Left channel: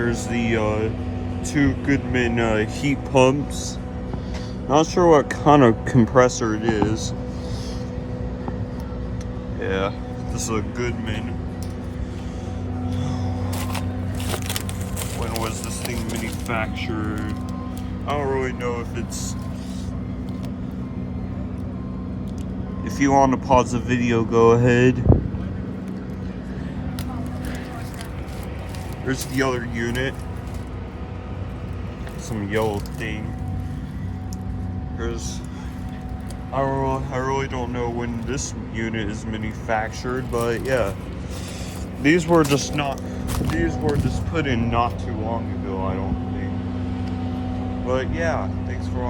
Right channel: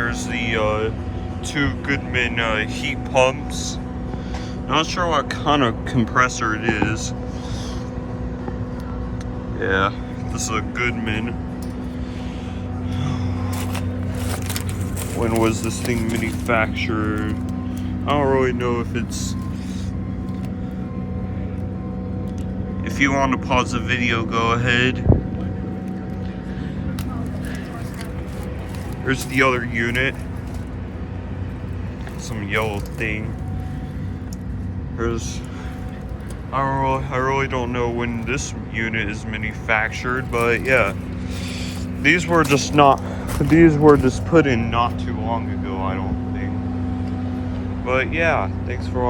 there's the two Goodmen heat pumps. Not sure what kind of compressor it is. Yeah, this is a Goodman. When was this thing manufactured? I don't really know if it's... If you want to pause the video, go ahead. There's the other unit. Some yellow thing. There's... I really don't know when this unit is manufactured, but yeah. These were just put in not too long ago, I don't think. But yeah, thanks for watching.